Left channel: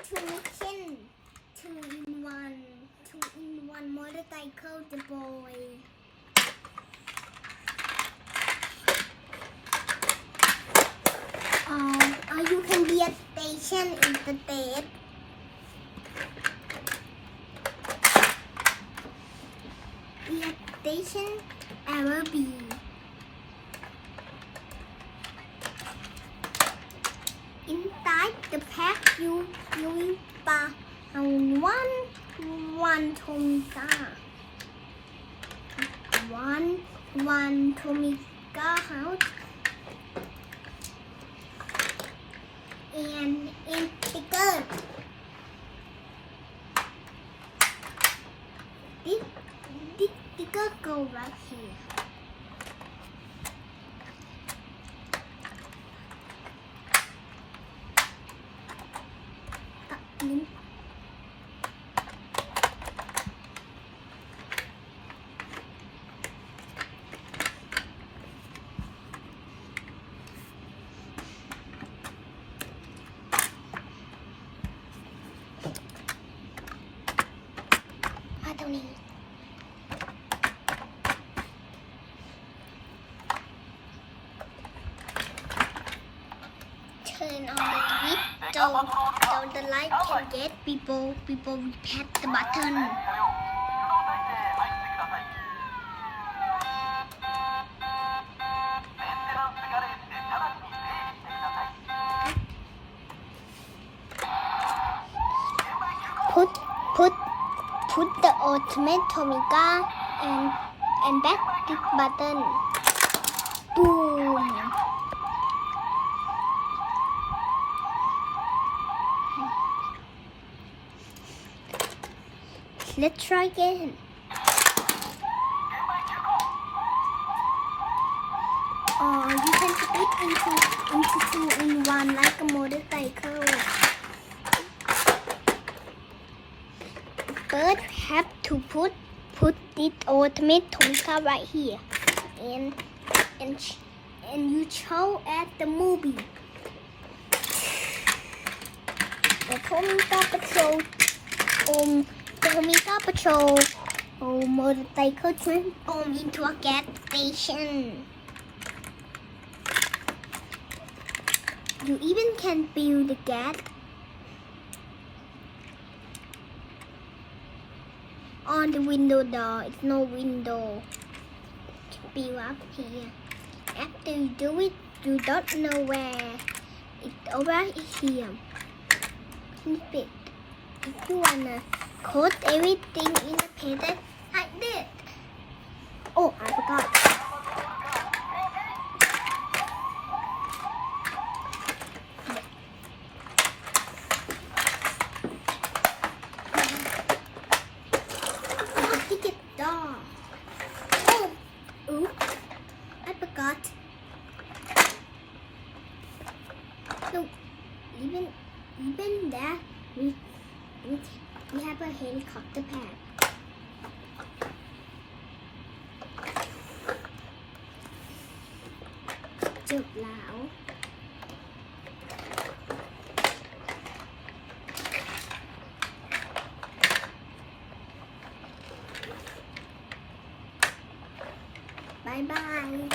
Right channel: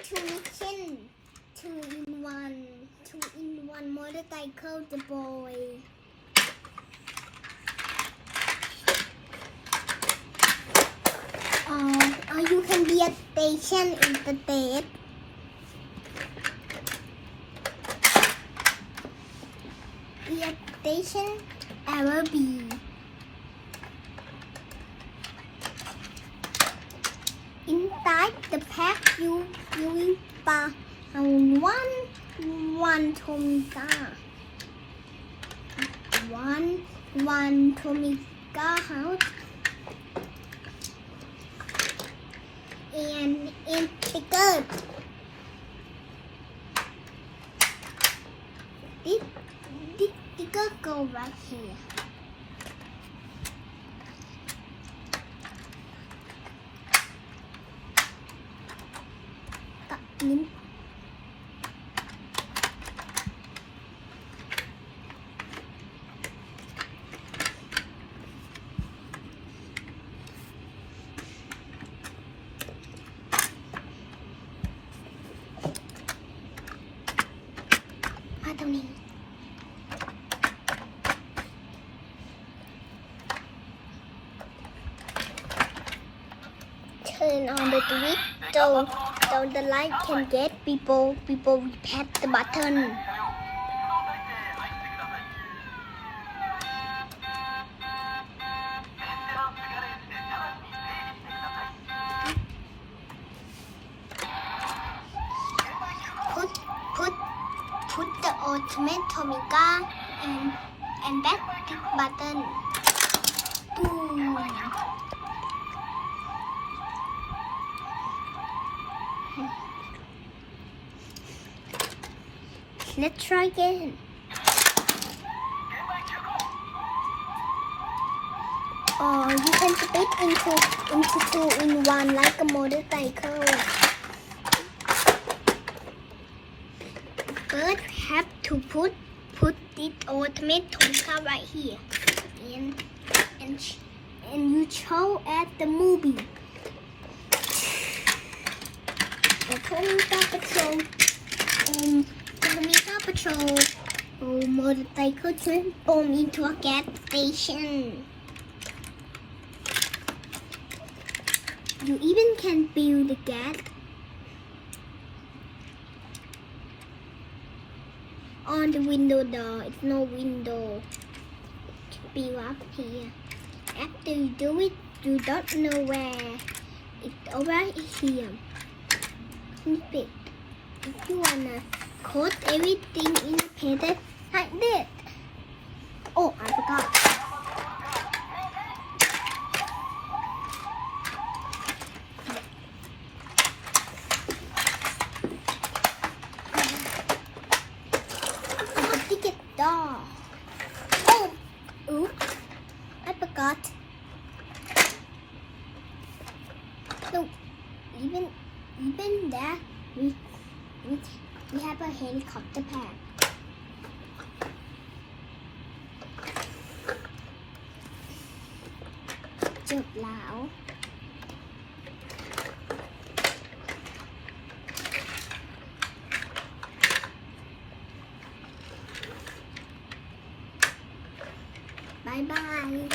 Mission 2-in-1 motorcycle deploy. Or you can be a station instead. Be a station ever be. Inside the pack you will found one Tomica. One Tomica house. And sticker. This sticker go right here. In. Turn on the switch so the light can get people we press the button. Put the ultimate Tomica and that big button. Boom. Let's try again. You can split into 2-in-1 like a motorcycle. First, have to put this ultimate Tomica right here, and you show at the movie. The Tomica Patrol. Tomica Patrol motorcycle transform into a gas station. You even can feel the gas on the window door. It's no window. Be up here. After you do it, you don't know where. It's over here. Keep it. If you wanna coat everything in a paper like this. Oh, I forgot. The ticket door. Oh, oops, I forgot. No, even there, we have a helicopter pad. Chụp lão. Bye bye.